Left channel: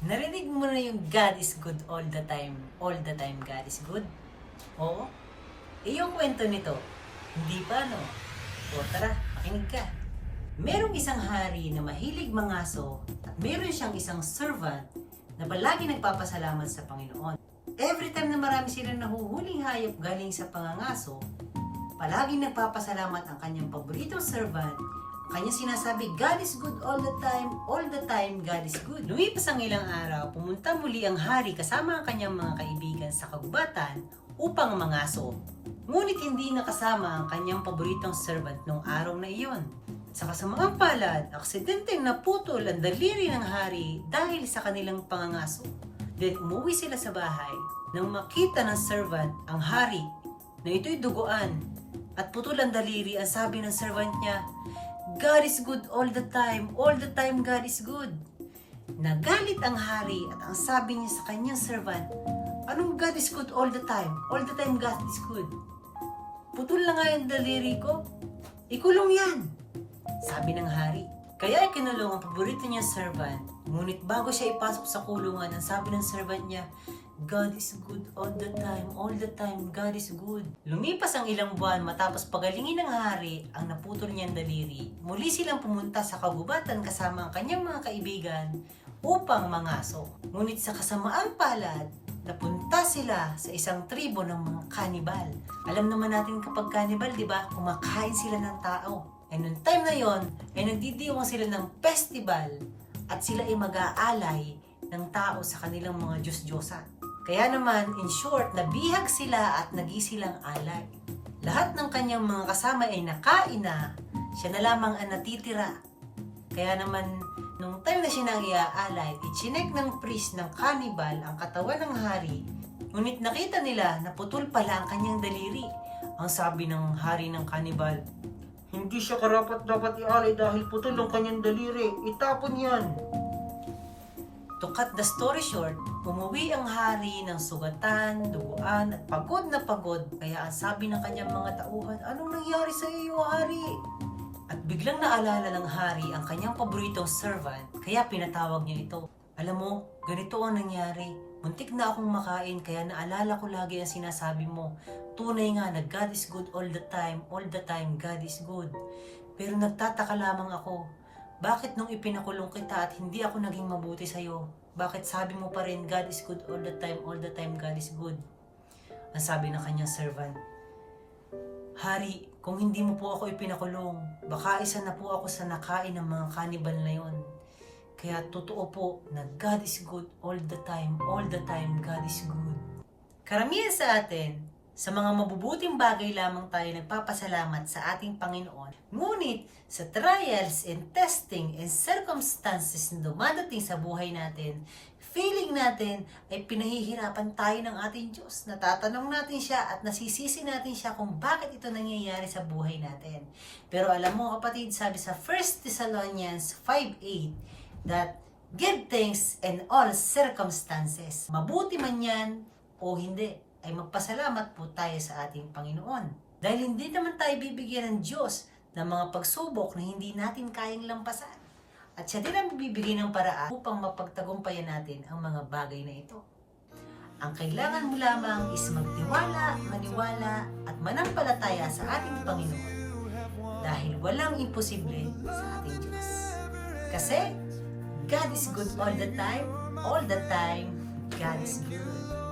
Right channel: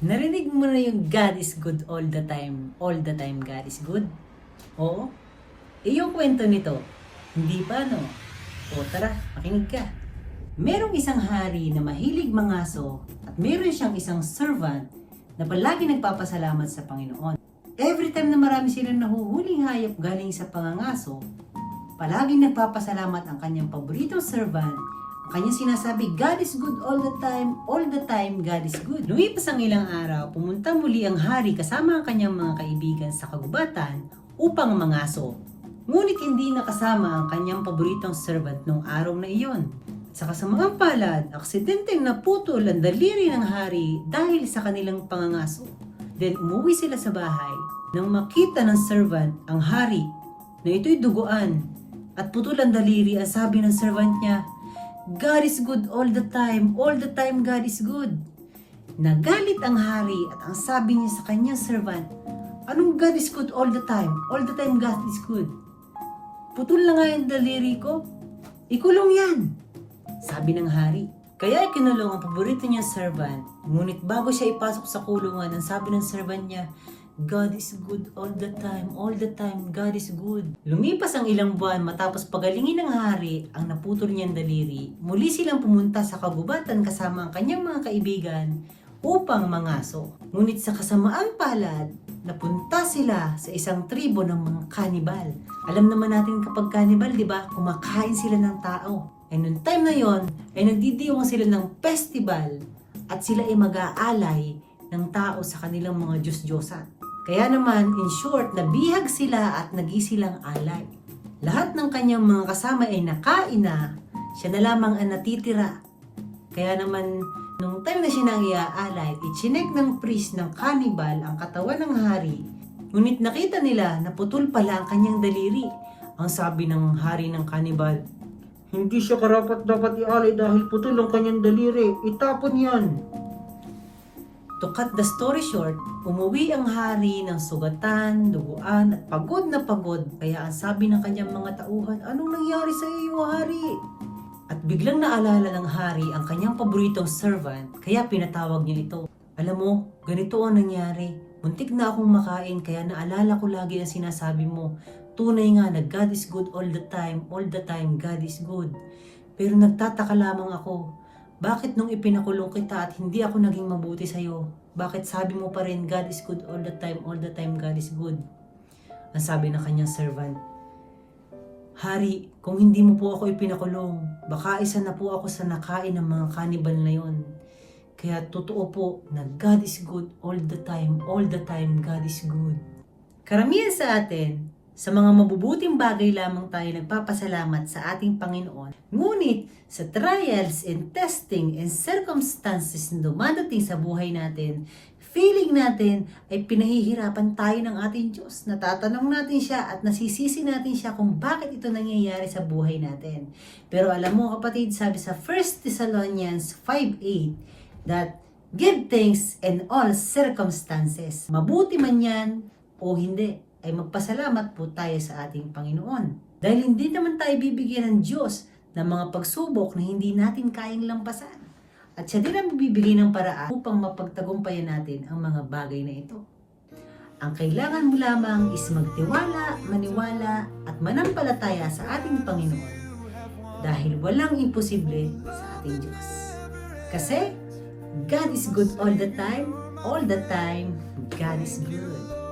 Narinig mo na yung God is good all the time. All the time God is good? Oo. Yung kwento nito, hindi pa no? O tara, makinig ka. Merong isang hari na mahilig mangaso at meron siyang isang servant na palagi nagpapasalamat sa Panginoon. Every time na marami silang nahuhuling hayop galing sa pangangaso, palaging nagpapasalamat ang kanyang paboritong servant. Kanya sinasabi, God is good all the time, God is good. Lumipas ang ilang araw, pumunta muli ang hari kasama ang kanyang mga kaibigan sa kagubatan upang mangaso. Ngunit hindi nakasama ang kanyang paboritong servant nung araw na iyon. Sa kasamaang palad, aksidenteng naputol ang daliri ng hari dahil sa kanilang pangangaso. Then umuwi sila sa bahay nang makita ng servant ang hari na ito'y duguan at putol ang daliri. Ang sabi ng servant niya, God is good all the time God is good. Nagalit ang hari at ang sabi niya sa kanyang servant, anong God is good all the time God is good? Putol na nga yung daliri ko, ikulong yan, sabi ng hari. Kaya ikinulong ang paborito niyang servant, ngunit bago siya ipasok sa kulungan, ang sabi ng servant niya, God is good all the time God is good. Lumipas ang ilang buwan matapos pagalingin ng hari ang naputol niyang daliri, muli silang pumunta sa kagubatan kasama ang kanyang mga kaibigan upang mangaso. Ngunit sa kasamaang palad, napunta sila sa isang tribo ng mga kanibal. Alam naman natin kapag kanibal, di ba, kumakain sila ng tao. And noong time na yon, ay nagdidiwang sila ng festival at sila ay mag-aalay ng tao sa kanilang mga Diyos-Diyosan. Kaya naman, in short, nabihag sila at nagisilang alay. Lahat ng kanyang mga kasama ay nakain na, siya na lamang ang natitira. Kaya naman, nung time na siya nang iaalay, ichinek ng priest ng cannibal ang katawan ng hari. Ngunit nakita nila na putol pala ang kanyang daliri. Ang sabi ng hari ng cannibal, hindi siya karapat dapat ialay dahil putol ang kanyang daliri. Itapon yan. To cut the story short, umuwi ang hari ng sugatan, duguan at pagod na pagod. Kaya ang sabi ng kanyang mga tauhan, anong nangyari sa iyo, hari? At biglang naalala ng hari ang kanyang paboritong servant, kaya pinatawag niya ito. Alam mo, ganito ang nangyari. Muntik na akong makain, kaya naalala ko lagi ang sinasabi mo. Tunay nga na God is good all the time God is good. Pero nagtataka lamang ako, bakit nung ipinakulong kita at hindi ako naging mabuti sa'yo? Bakit sabi mo pa rin God is good all the time God is good? Ang sabi ng kanyang servant, Hari, kung hindi mo po ako ipinakulong, baka isa na po ako sa nakain ng mga kanibal na yon. Kaya totoo po na God is good all the time God is good. Karamihan sa atin, sa mga mabubuting bagay lamang tayo nagpapasalamat sa ating Panginoon. Ngunit sa trials and testing and circumstances na dumadating sa buhay natin, feeling natin ay pinahihirapan tayo ng ating Diyos. Natatanong natin siya at nasisisi natin siya kung bakit ito nangyayari sa buhay natin. Pero alam mo kapatid, sabi sa 1 Thessalonians 5:8 that give thanks in all circumstances. Mabuti man yan o hindi, ay magpasalamat po tayo sa ating Panginoon. Dahil hindi naman tayo bibigyan ng Diyos ng mga pagsubok na hindi natin kayang lampasan. At siya din ang bibigay ng paraan upang mapagtagumpayan natin ang mga bagay na ito. Ang kailangan mo lamang is magtiwala, maniwala, at manampalataya sa ating Panginoon. Dahil walang imposible sa ating Diyos. Kasi, God is good all the time God is good.